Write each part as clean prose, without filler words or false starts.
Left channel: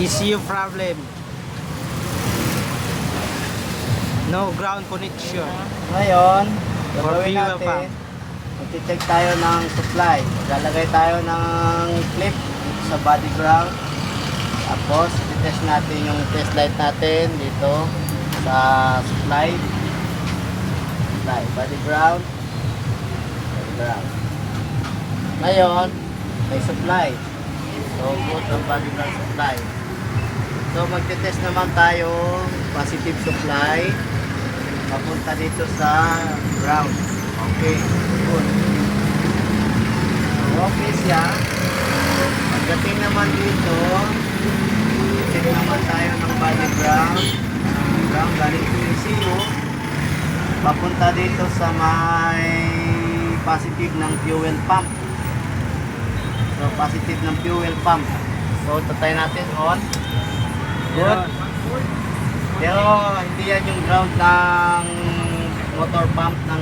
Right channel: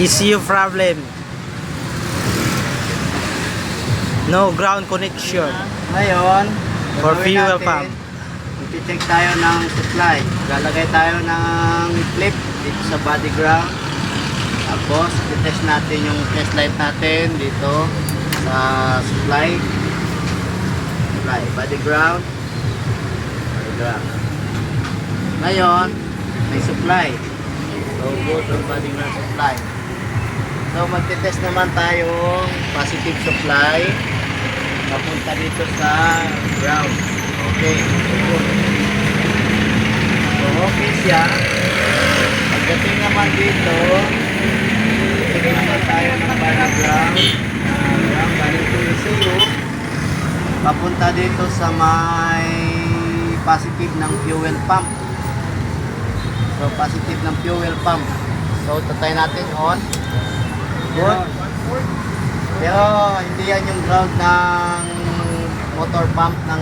ECU problem. No ground connection. Ngayon, For gagawin fuel natin, pump. magti-check tayo ng supply. Lalagay tayo ng clip dito sa body ground. Tapos, i-test natin yung test light natin dito sa supply. Supply, body ground. Body ground. Ngayon, may supply. So, go to body ground supply. So, magti-test naman tayong positive supply. Papunta dito sa ground. Okay, good. So, okay siya. Pagdating naman dito, check naman tayo ng body ground. Ground, galing to ECU. Papunta dito sa may positive ng fuel pump. So, positive ng fuel pump. So, tatay natin on. Good. Pero hindi yan yung ground ng motor pump ng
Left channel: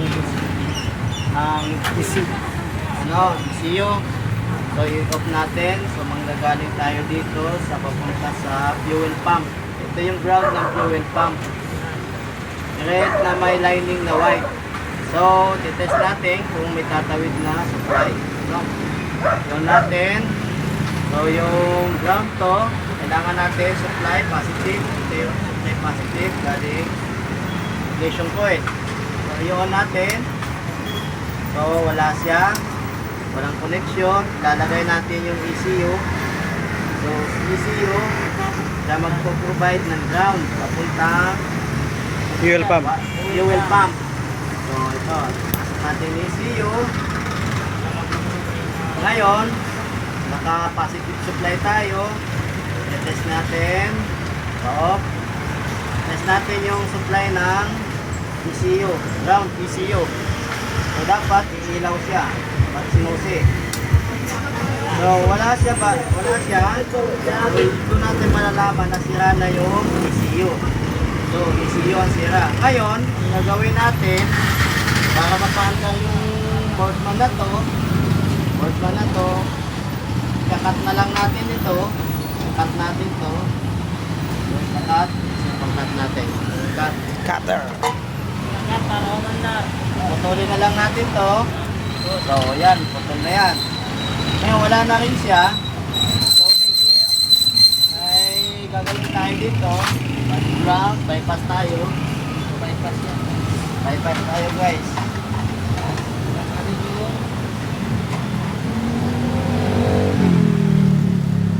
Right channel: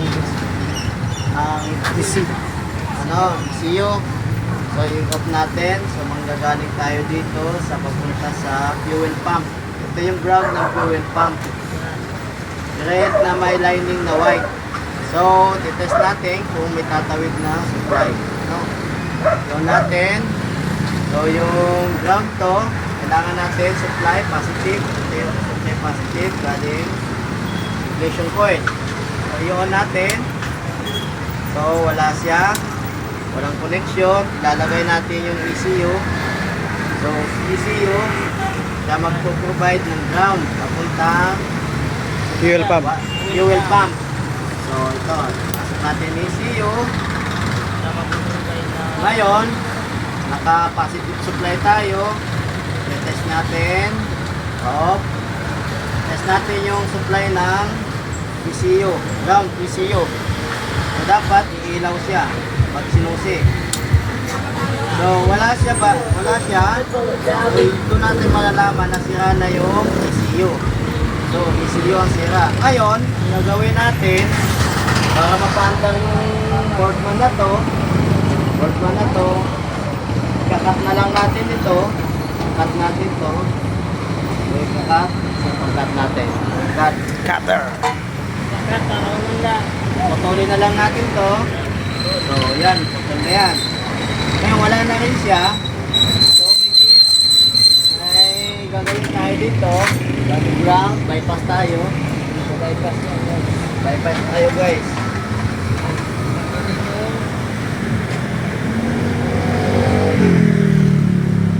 ECU. So i-off natin. So manggagaling tayo dito sa papunta sa fuel pump. Ito yung ground ng fuel pump. Red na may lining na white. So titest natin kung may tatawid na supply. No? Yung natin. So yung ground to, kailangan natin supply positive. Ito yung supply positive galing ignition coil. So i-on natin. So wala siya, walang connection. Ilalagay natin yung ECU. So ECU siya magpo-provide ng ground papuntang Fuel pump. fuel pump. So ito, pasok natin yung ECU. Ngayon naka-positive supply tayo. I-test natin. Off. Test natin yung supply ng ECU, ground ECU. So dapat iilaw siya pag sinusi. So wala siya ba? Wala siya. So doon natin malalaman na sira na yung ECU. So ECU ang sira. Ngayon, ang gagawin natin para mapaandar yung boardman na to, kakat na lang natin ito. Cut natin to. So kakat, pag-cut natin. Cut. Cutter. Putulin na lang natin to. So, yan. Putol na yan. Ngayon, wala na rin siya. So, may gagawin tayo dito. Body ground. Bypass tayo. Bypass tayo, guys.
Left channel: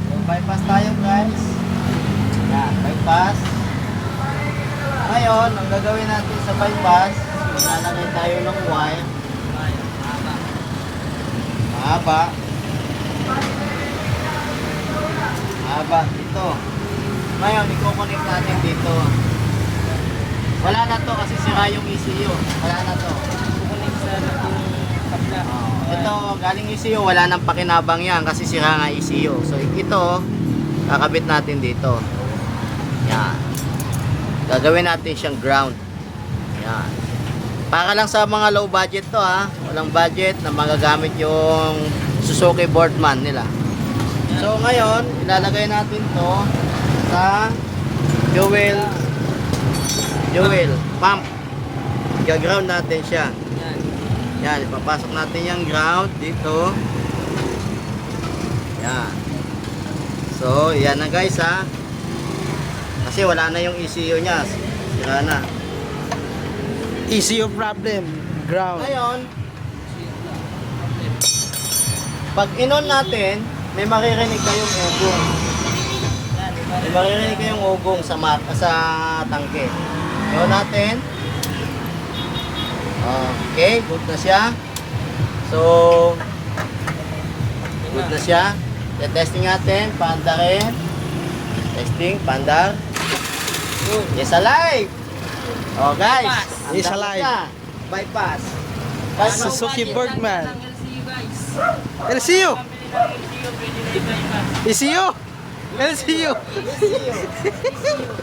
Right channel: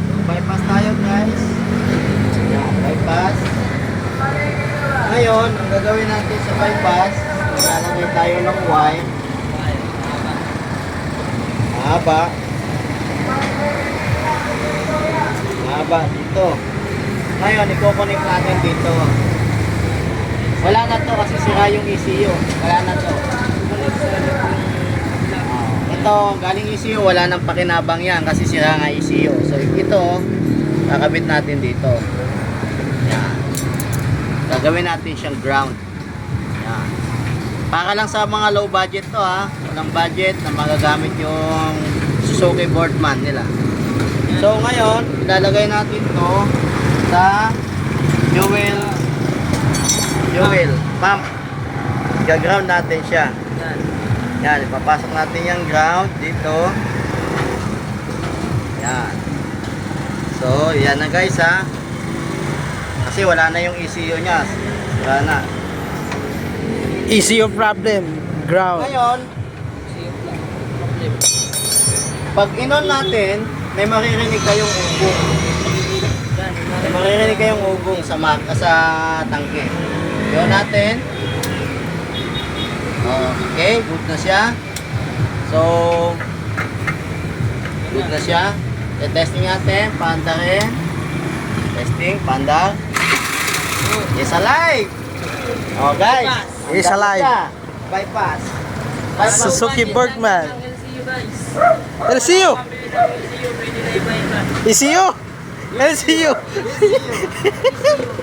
So, bypass tayo, guys. Yan, bypass. Ngayon, ang gagawin natin sa bypass, lalagay tayo ng wire. Mahaba. Mahaba dito. Ngayon, i-connect natin dito. Wala na to kasi sira yung ECU. Wala na to. Ito, galing ECU, wala nang pakinabang yan kasi sira nga ECU. So, ito, kakabit natin dito. Yan. Gagawin natin siyang ground. Yan. Para lang sa mga low budget to ha. Walang budget na magagamit yung Suzuki Boardman nila. So ngayon, ilalagay natin to sa fuel pump. Gaground natin siya. Yan, ipapasok natin yung ground dito. Yan. So, yan na guys ha. Kasi wala na yung ECU niya. Wala na. ECU problem. Ground. Ngayon, pag inon natin, may maririnig kayong ugong. May maririnig kayong ugong sa tangke. Inon natin. Okay, good na siya. So, good na siya. Testing natin, paandarin. Testing, pandar. Yes, alive. Oh guys, Yes, alive. Bypass. Suzuki Boardman. LCU. ECU. LCU.